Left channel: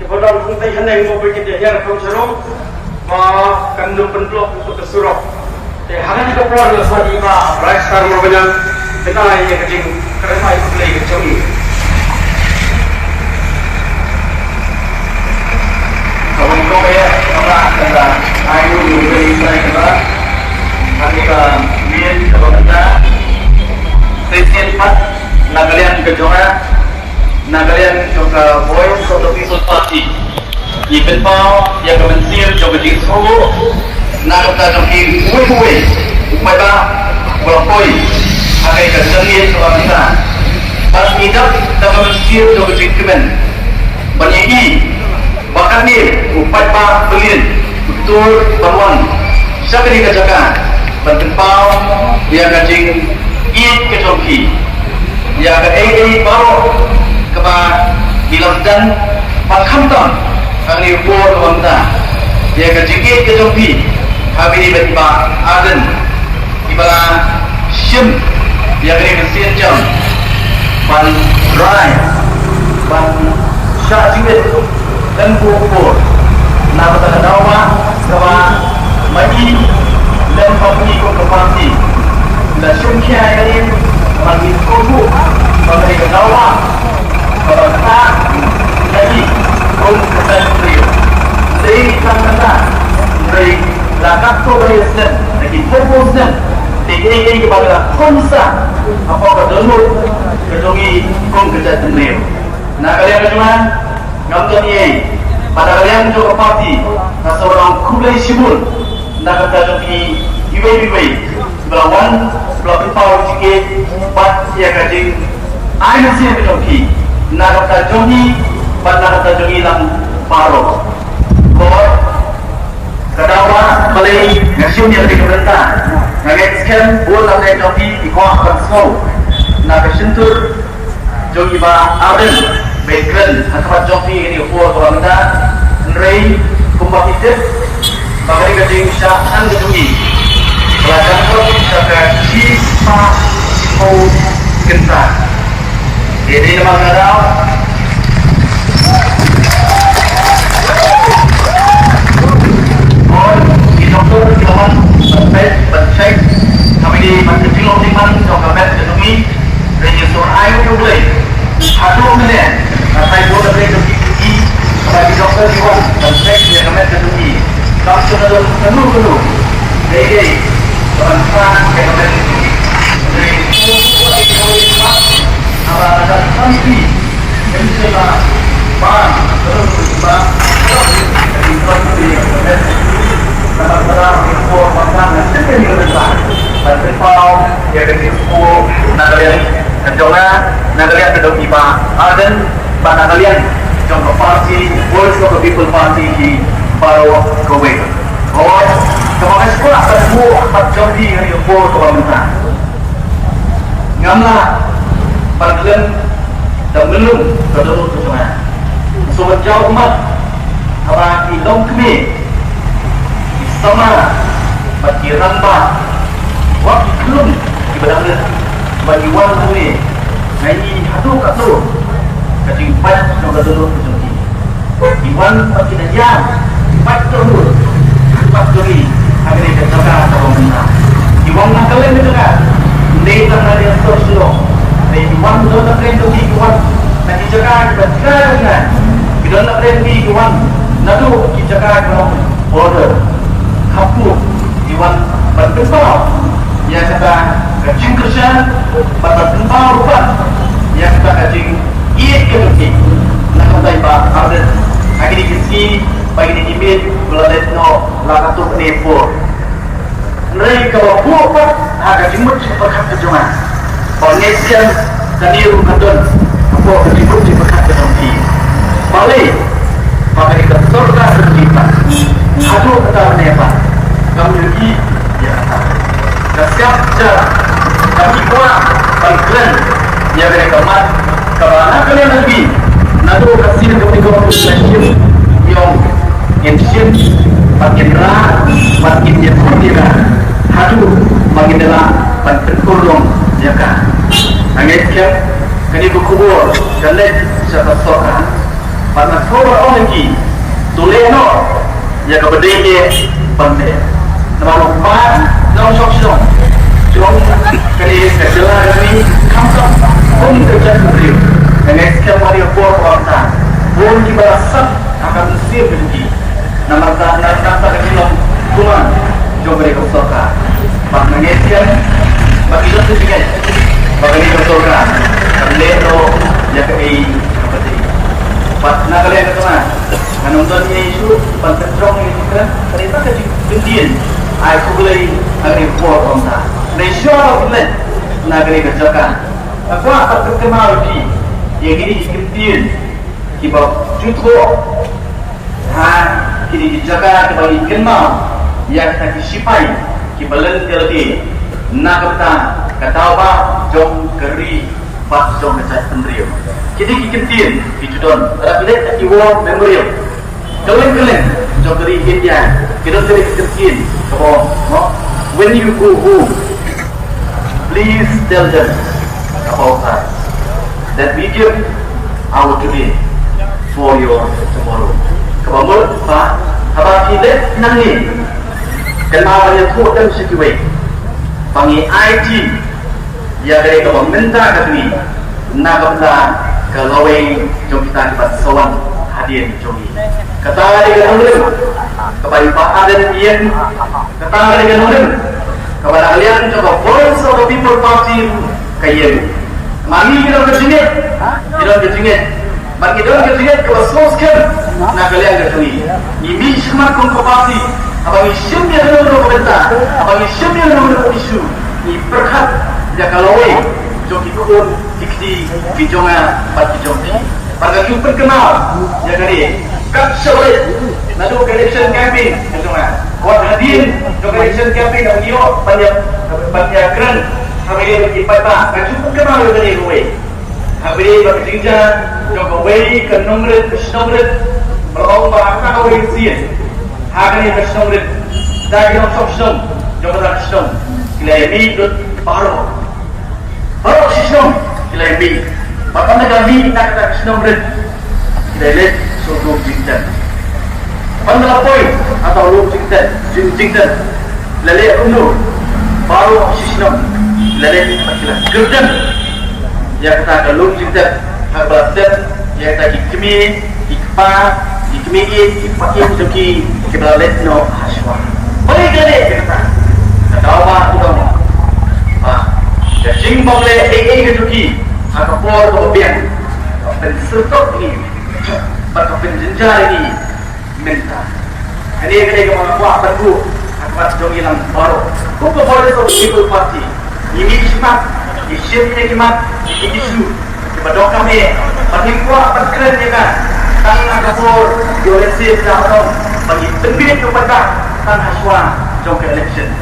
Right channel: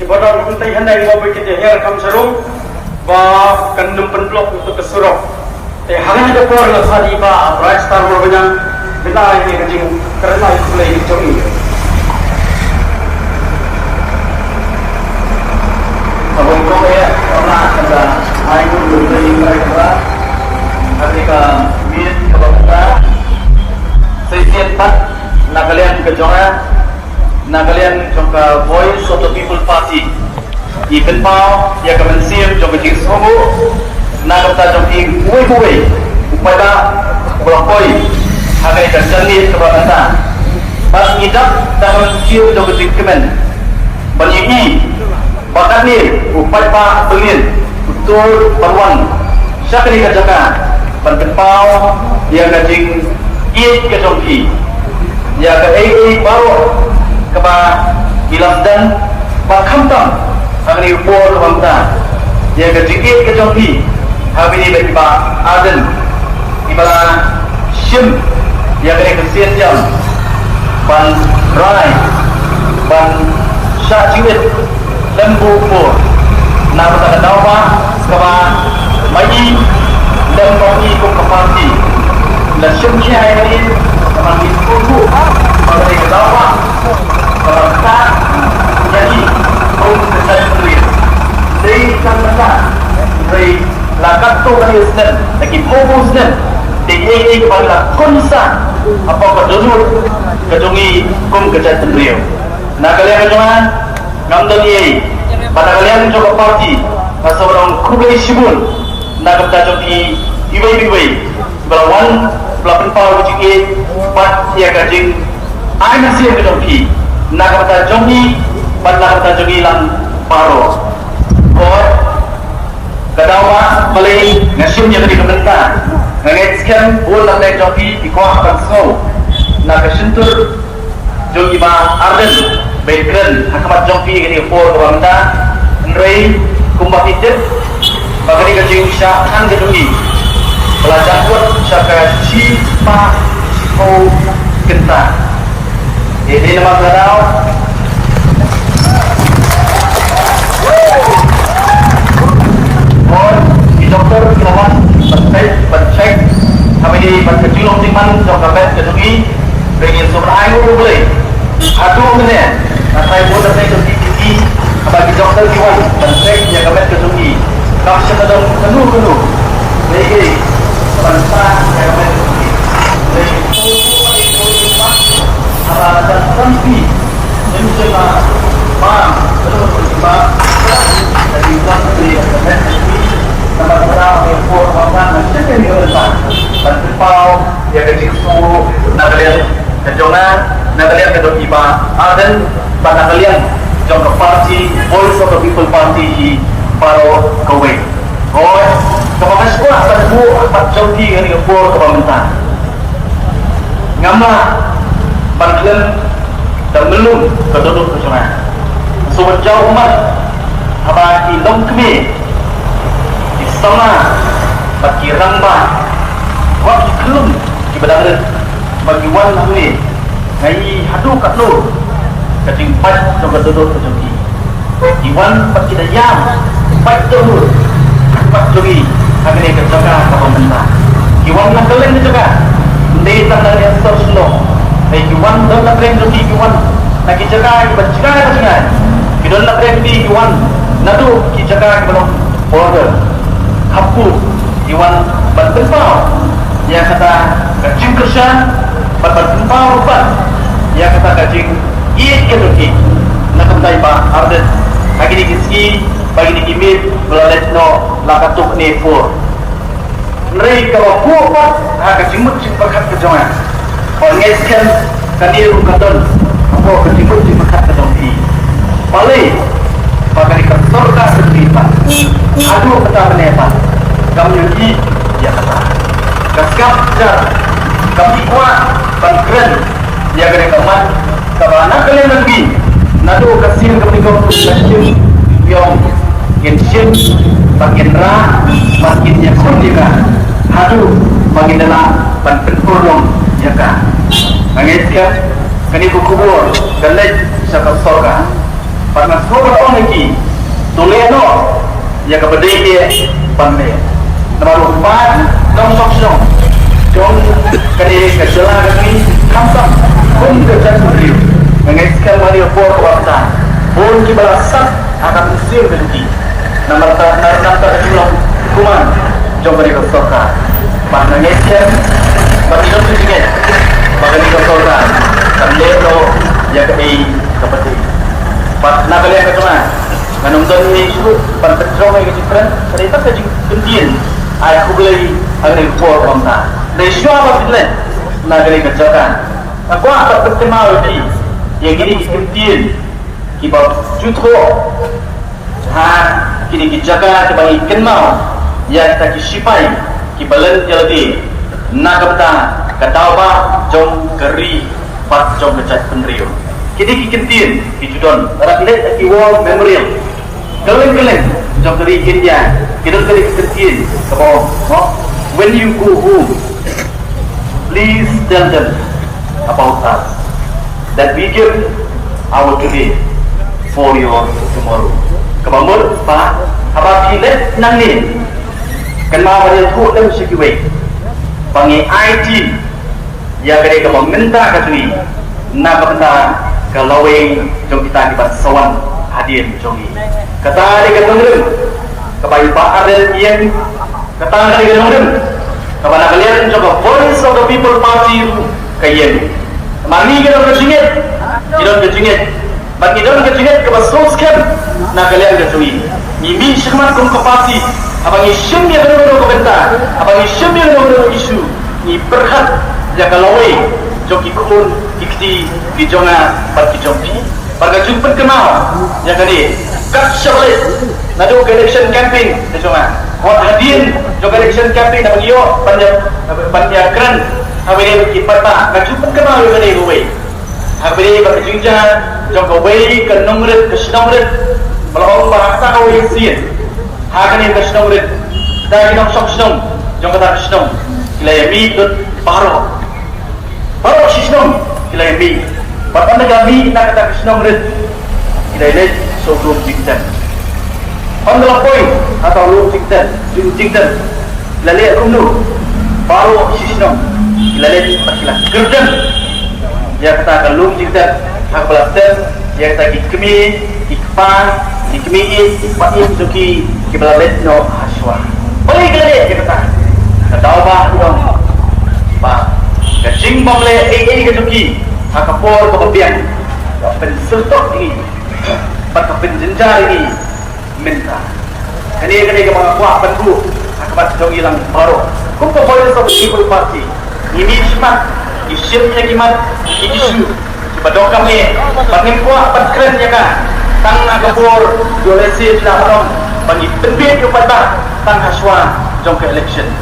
Kibadang kuntai handai ngopi kita her kam saru ba kandum penplok untuk kesurau. Hari itu keluar yang tadi ka rastar orang kita ini kerjing karena itu lagi kecuri. Kawan kau ya, karena naik dulu dari kita, kami ke min kalau kita sesi 4 Nagalian juga jangan Nagalian juga Voice of the People Party. Ikan mau ya kemensil coba disuruh Nagata joki hui upaya berkoi agai kerjani sebabnya pas tidak kemensil coba dikumen bernyanyi bahkan ni upaya pengin betul peruan sakit kerjakan bertempau dia gajing iit ke joki dia ke baru keba bilang dan pakhamtam kami upor bangta dia ke jikit ke joki habis ini tiba aden tiba sim dia ke kesian jam ban rai ban syajit dan bubur nak kata dawa sama maju dan kami ikut ke parti dan sim kia ini kami ikut kami ke dawa kata jadi untuk kita sendiri dari sama dari lakat tu dari sen lagi fokus sen tinggi kepada kumsa apa berdulur kedungi kum kerja sendiri nak kalian jangan ngambil ni pada kalian juga parti masa orang kubai sibul nak kerja di iwe belawan belah pipau jikit pat dia kajing air siap kedoki nak kerja jogi dan nak kerja jogi lang paro kadawa kali nasyum yang diperintah mengeskan bola dan joki di kuah kansau nak kesentur jogi ma aden background atau joki ini for wanda nrei kumbah itu bagi kerja usahaan jogi ya dan sampai sisa mau kita jadi nama doktor kirawan sampai bercek kami di masjid Lontingan jangkakan kedui dengan sumber air boleh satu minit saya boleh dari bagi doktor kirawan dan cek jangkakan kedui langsung ada penuh jadi peran kerja dari itu kunci mencoba Berpau, ya kecilku, nagalian kejona, nagalian kedua tiba, aden, nagalian jangka parti, Voice of the People Party di Paro Kowe. Oh, kemarin sekolah terbu empat jodi hari kepul kebangunan. Ngama, bagian dan belum kedua kejona. Sobat jauh umat, apa indong kami, di sana, bagi ramba. Waktu belum ibarat bagi wan ni, ngai hadu katu, kacing pat coba duduk kejoki. Iwan bagi dayang, pat dulu, pat jogi, kami ni kerjakan apa rumah. Iwan nak kalian juga, ni tak ada yang slow. Iwan dah nak kalian jogi Iwan, nak kerjakan kita dengan. Kita nak kalian jogi Iwan, nado kerjakan kita forward. Aku Iwan bertempur. Yang kata kacing kerjaan bertentang rupa yang kata kacing iit kedoki nak taipa ardet bagi di kiski bagi di kimit belalet no lakatuk nepo mereka waktu kacing mut berkat kejangan pengeskan kaniru kadon apa kacing mut berkat kedoki balik kami dikertorkan sedikit aduh kata menepa kami ini ya kata kasih kami kuat bangkian yang kemat kawan kalian lagi nado kasih untuk session yang insin makin rah makin nyesel hadu makin dalam dan tertolong jaga nangis kan kini buku dan lej siapa sorga Karena semua orang lagi tuleno ya kebetulan pandai. Nomor 4 nomor sosial. John kali kejalan kami kampak pun kerja sendiri. Dengan sekian hari kuota pun kita rasa akan mesti berhenti. Nanti dalam hubungan coba dikosokan. Maknanya sekian bagi dosa juga bagi dikosokan. Level yang kami dapat. Pas nak kalian katakan menonton isu penterjong yang different, ternyata kejadian aku beli hari kuat kontak. Resyo apa betul? Nak kalian katakan, aku akan berterima kasih. Yang ini kejadian kita jutro, kini dijaga kita kenal, yang tak disipai, kita lelaki, nak kata apa jom keri, pas jom kecat peneriu. Kini kejadian dijudon orang lihat di world memorial kalian jom dari India kita dari kejadian when you go home please tell them about us that we give our today for your tomorrow kemamul pak apa kita nang ni kenapa dia hukum sekiway panggil IT ya mereka meminta katui nak benda kalau jom kita dapat sawan hadir jongi kata dia kemudian kepada pakar yang kata dia kemudian kepada kalian coba voice of the people party kayen mari kita berjingit bagi kita berjingit kepada sosial nak kalian ketui ini semua kongko party abang isyum yang ada berbentar abang isyum yang ada isu ini berhak yang kalau jom ikut ikti kijonga bagi jompi pada jumpa kenal yang tadi kat syawal lalu election campaign kijonga awak hadir jom election campaign dan iyo pandiakran habis bagi pada kat jumpa kenal yang tadi gue habis bagi jinja jom gue ke nomor kesenamret belum bahasa gue sih hari kesenamret dari dalam sosum jom kat kesenam ilai mitut baru baru sistem ilai bi. Bapak negara kita sistem red ilai sebelum jiktan. Anda poin atau belum jiktan, ilai umur baru sistem ilai terkilah kerja. Yang kita belum jiktan, agaknya yang kita ikmi yang joki kita lihat no haswa. Boleh kita kata apa tuan pak. Kacing boleh ini kejuki, akapor kemudian pensutok ini, atau penjenjar ini minta. Ini ketika mengakukan dulu, akibat jauh hilang baru. Kumpul boleh satu ibu parti. Ini simak, isimnya kimat, ini isu. Kepada kami, kami kuat terkeren ya kan. Tang akapor, diolesi dalam bagi terbit kepada tang haswan jauh ke election.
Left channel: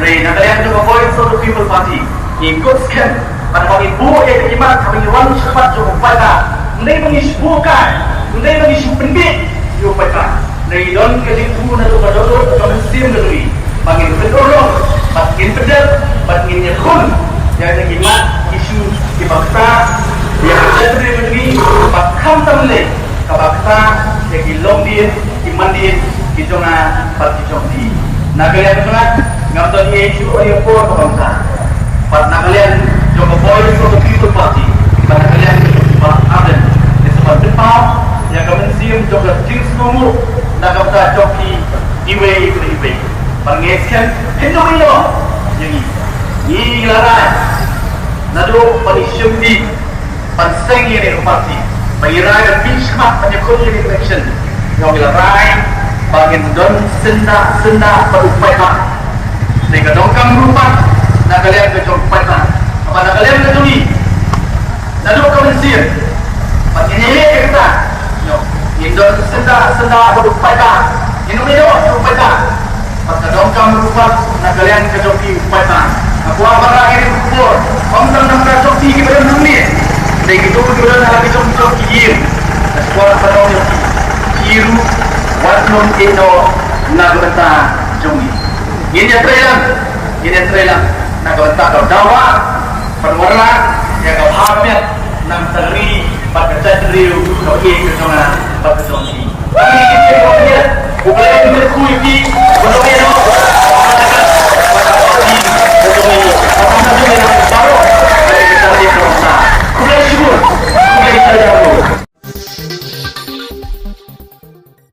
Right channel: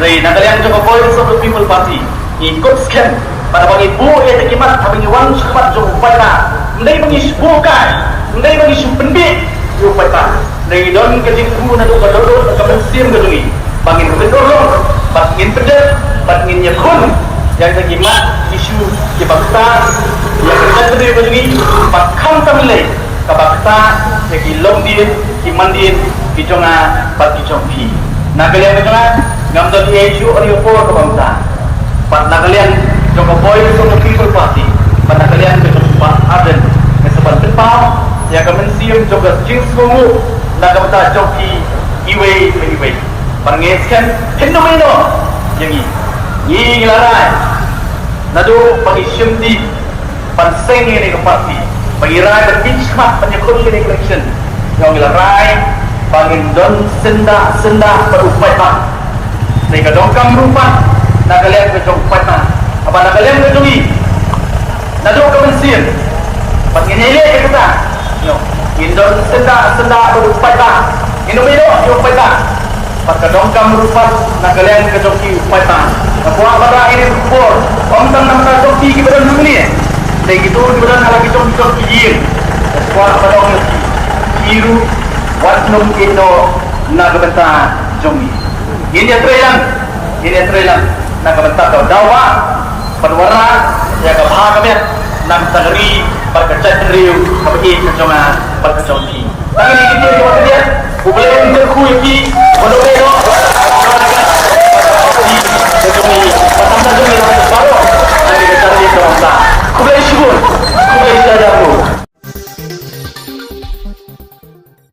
Dari yang juga boleh satu people party. Ikut sekian pada bagi buku yang dikimat kami wang cepat cukup pada mulai mengisbukan mulai mengisbendit cukup pada dari dalam kejadian dan dodo kemudian berdui bangin betul bangin pedal bangin nyekun yang dikimat isu dibakta yang terjadi berdui bakal kembali bakta yang dilom dia dimandin diconga bagi compi nah kalian betul ngambil isu orang pun bangsa pada kalian Joko Boy Solo People Party pada kalian berjumpa Aden yang sebab depan yang kemensium juga jenis kamu nak kata joki iwe pangeskan hendak yang ini larai nado polisium di panseng ini parti pengirai benchmark penyekul ini election yang larai pangin don senda berupaya mereka dongkang rupa nak kalian kejumpa apa nak kalian kejui nak jumpa mesir begini kita Indon senda berupaya Indonesia berupaya maka dongkang berupa nak kalian kejoki upaya aku apa ini pur orang nak kejoki kita dunia dari itu kita lagi joki hier sekolah orang kiru waktu itu nak berita joki ini trailer nak berita dakwah perwarna yang kehadir nak tegri berpecah teriu bagi kecuma berkecumpi. Kami di kita yang dia, boleh kita kuyi, boleh kita di kecumpi. Apa saja yang kita tahu, kita cari kuasa. Kuyi syukur, kuyi saya.